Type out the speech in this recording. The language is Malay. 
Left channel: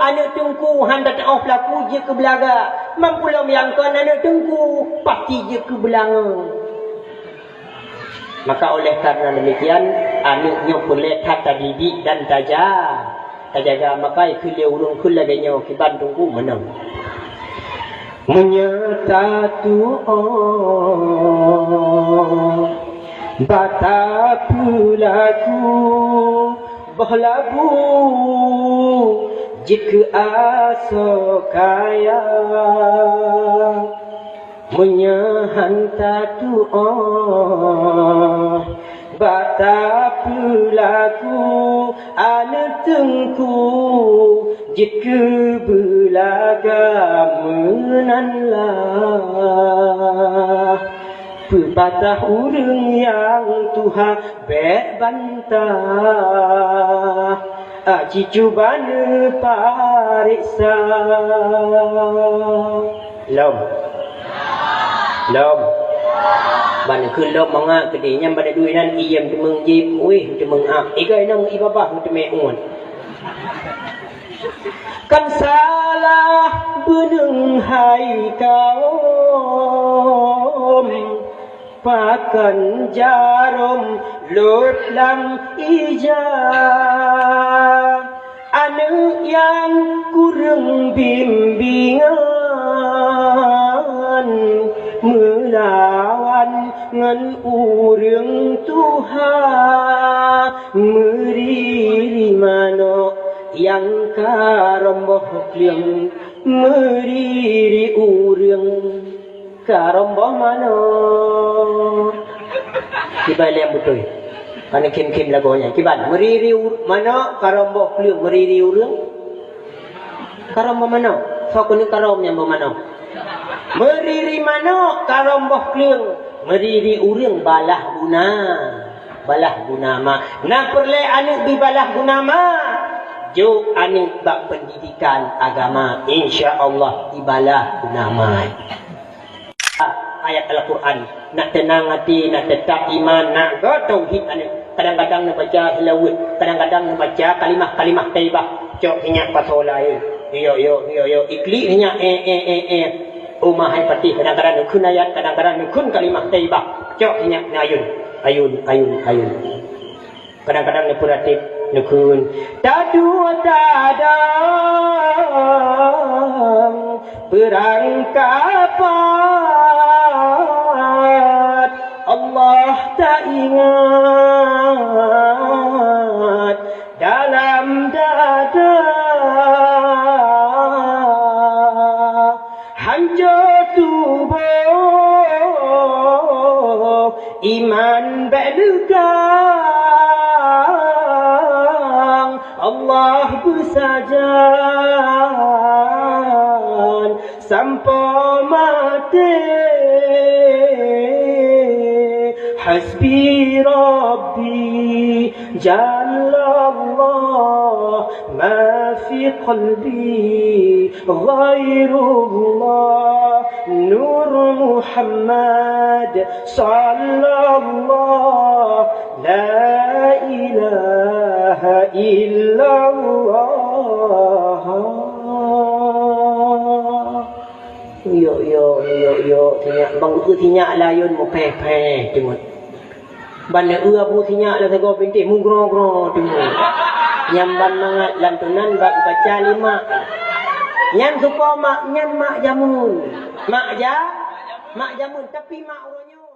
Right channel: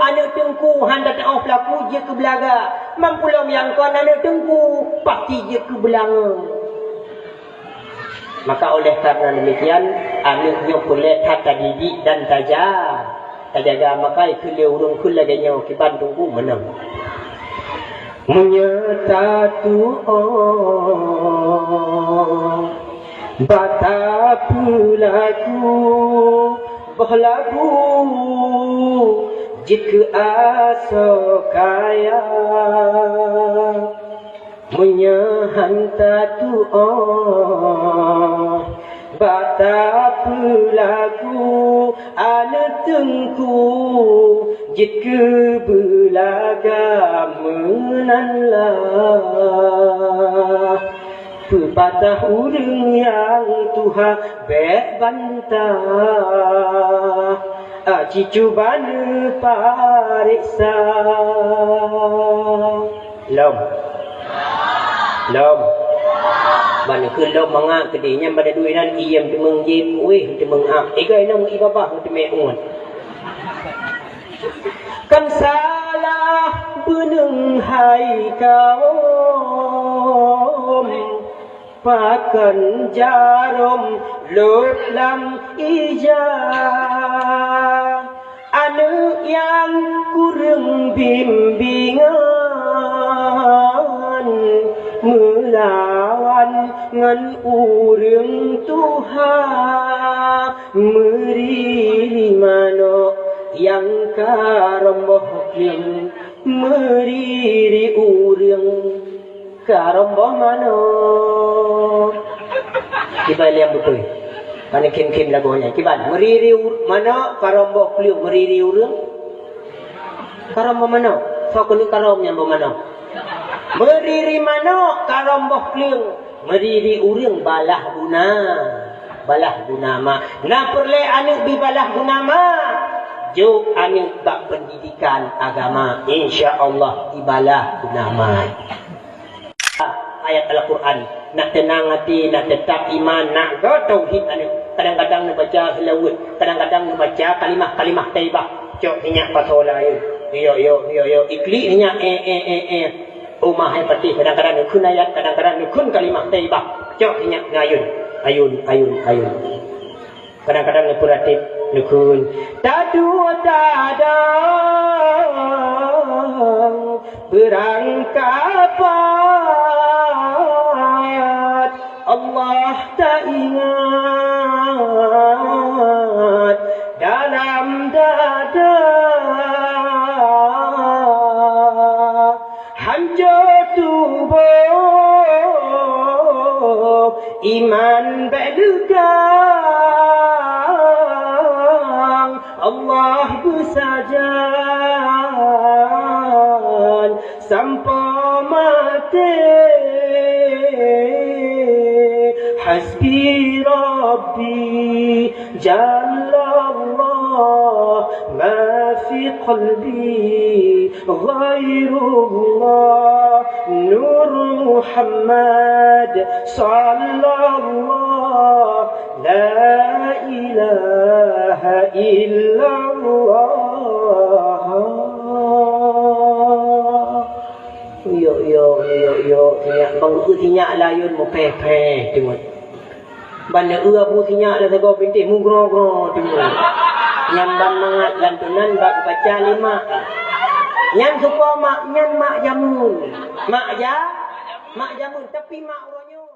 anak tengku handa tak off laku je ke belaga. Mampulah yang kau anak tengku pasti je ke belanga. Maka oleh karena demikian anaknya boleh tata didik dan tajaga maka ikut urung kula ganya ke Bandung ku menang. Menyatu bata pulaku bahlabu jika asokaya menyahanta tu bata pulaku anak tengku jika belaga menanlah pepatah urang yang Tuhan bantah aji cubaan pariksa lom mana ke lom mangak kedenya pada duinan iyam temeng jip weh temeng ak ikai nang ibabah temeun kan salah beneng hai kaum pakan jarum lut lam ijah anak yang kurang bimbingan melawan ngan urang Tuhan meriri mano yang karomboh yang meriri urang karomboh mano kibal yang betul karena kim lagunya kibal meriri mano karomboh yang meriri urang karomboh mano so kuning karomnya mano meriri mano karomboh yang meriri urang balah guna ma na perle anak bi balah guna ma jo anak bak pendidikan agama insyaallah ibalah nama ayat Al-Quran nak tenang hati nak tetap iman nak go tauhid anak kadang-kadang nak baca hilawut kadang-kadang nak baca kalimah taibah cok minyak pasal lain yo ikli minyak umah hai pati kadang-kadang nak kun ayat kadang-kadang nak kun kalimah taibah cok minyak ayun kadang-kadang nak puratif nukun tadu tadang berangkapat Allah tak ingat dalam dada hancur tubuh iman berdegang Allah bersajan sampai mati hasbi rabbi jalallah ma fi qalbi ghairullah nur Muhammad sallallahu la ilaha illallah yo tinyak bang u tinyak layun mo pe tengok ban u abu tinyak la tego pinti mu gro tengok nyamban mangat lantunan bab baca 5 nyam supo mak jamun tapi mak ronyo